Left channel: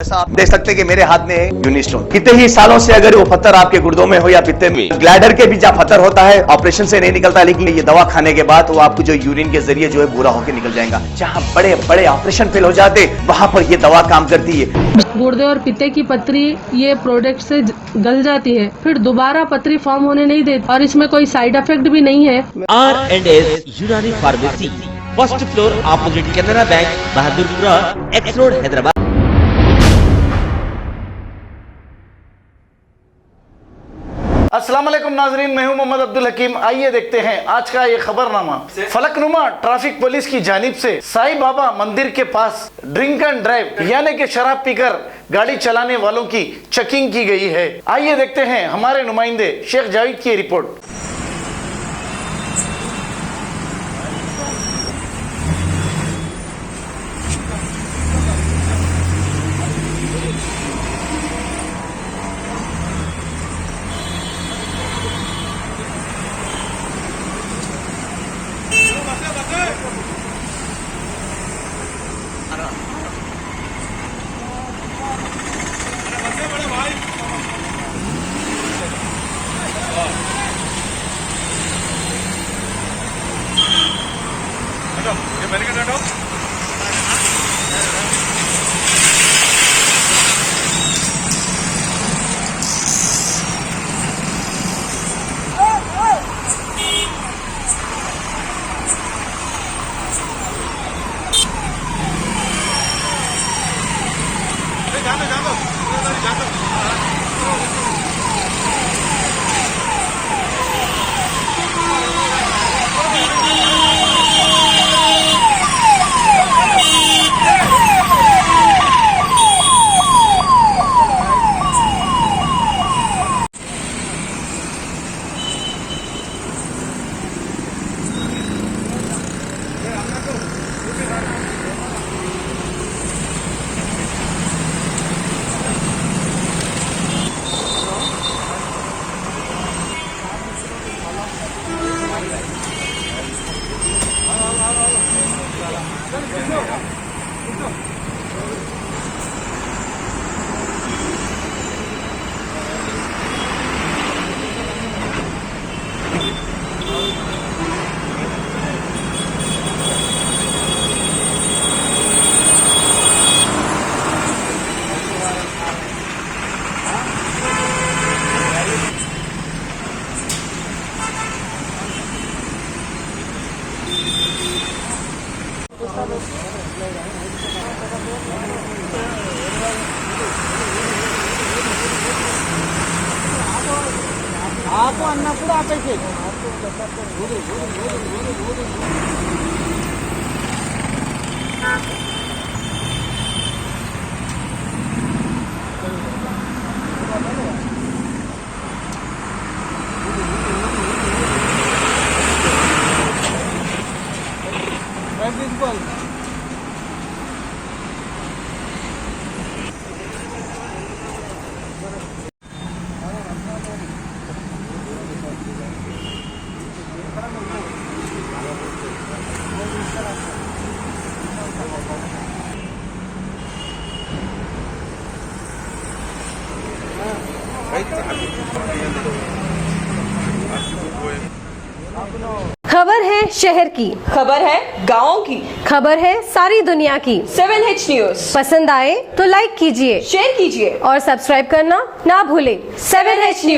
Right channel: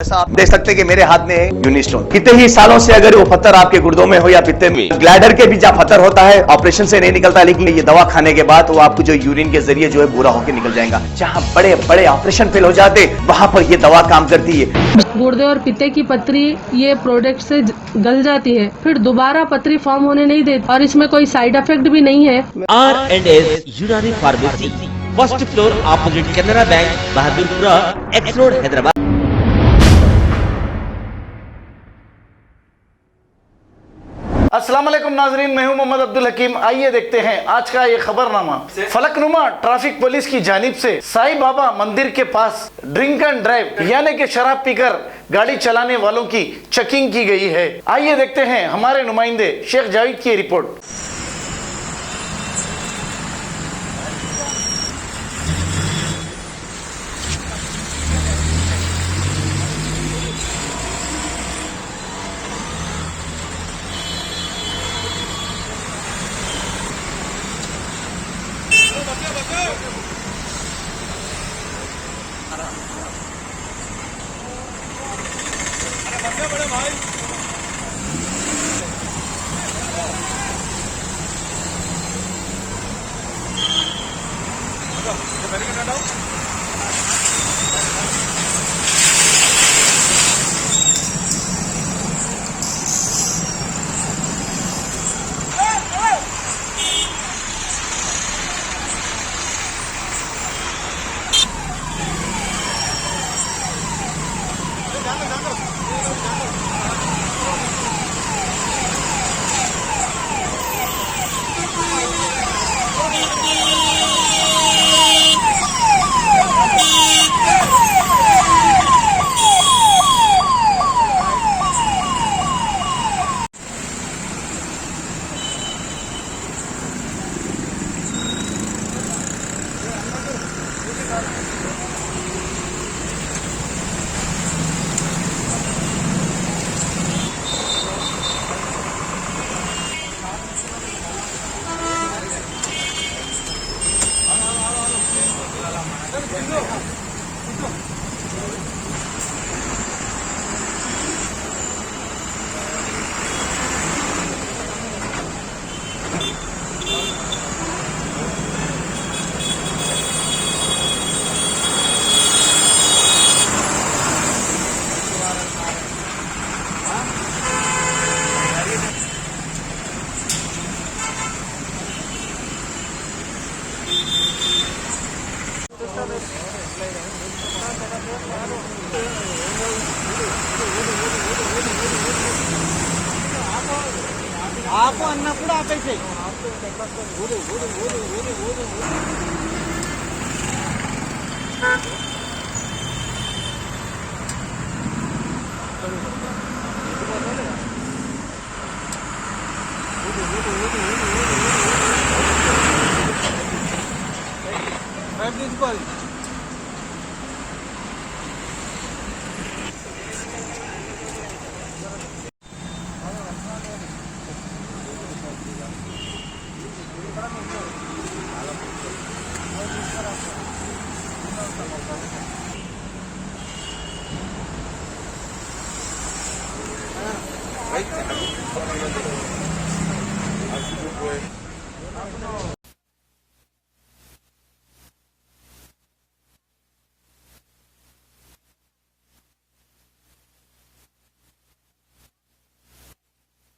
ऐसा आप देख सकते हैं कि मेरे हाथ में है यूनिस्टोन। कितने ही सालों से अगर वो पत्थर आपके गुर्दों में हो या पित्ते में, ग्लैडर के भी जहाँ पत्थर होता है ऑपरेशन से नहीं निकलता, लेकिन ये दवा खाने के बाद वो आपको जो यूरिन के जरिए जो है बुरा होकर निकल जाएगा। जहाँ बड़े बड़े ऑपरेशन फेल हो जाते वहां पर ये दवा काम करती है। गुर्दे और पित्ते की पथरी ये प्रोडक्ट से गल जाती है, फिर दोबारा पथरी फॉर्म होने नहीं देती और इसमें कोई साइड इफेक्ट भी नहीं है। R&S यूनानी pharmacy, first floor opposite Canara बैंक, बहादुरपुरा, एक्स रोड, हैदराबाद। अस्सलाम वालेकुम नाजरीन, मैं हूं मोहम्मद अब्दुल हकीम। आइए देखते हैं आज का ये खबरनामा। फलकनुमा ट्रैफिक पुलिस की जानिब से साईं बाबा मंदिर के पास ड्रिंक एंड ड्राइव यानी कि शराब पीकर गाड़ी चलाने वालों की चेकिंग की गई है। आइए देखते हैं हमारे नुमाइंदे शेख जावेद की रिपोर्ट। आप अन्नपूर्ण आकायचे खबर है शहर की, खबर है गाँव की, खबर है सारी दुनिया की। 7H न्यूज पसंद आए तो लाइक कीजिए, शेयर कीजिए और सब्सक्राइब करना ना भूलें। 7H news.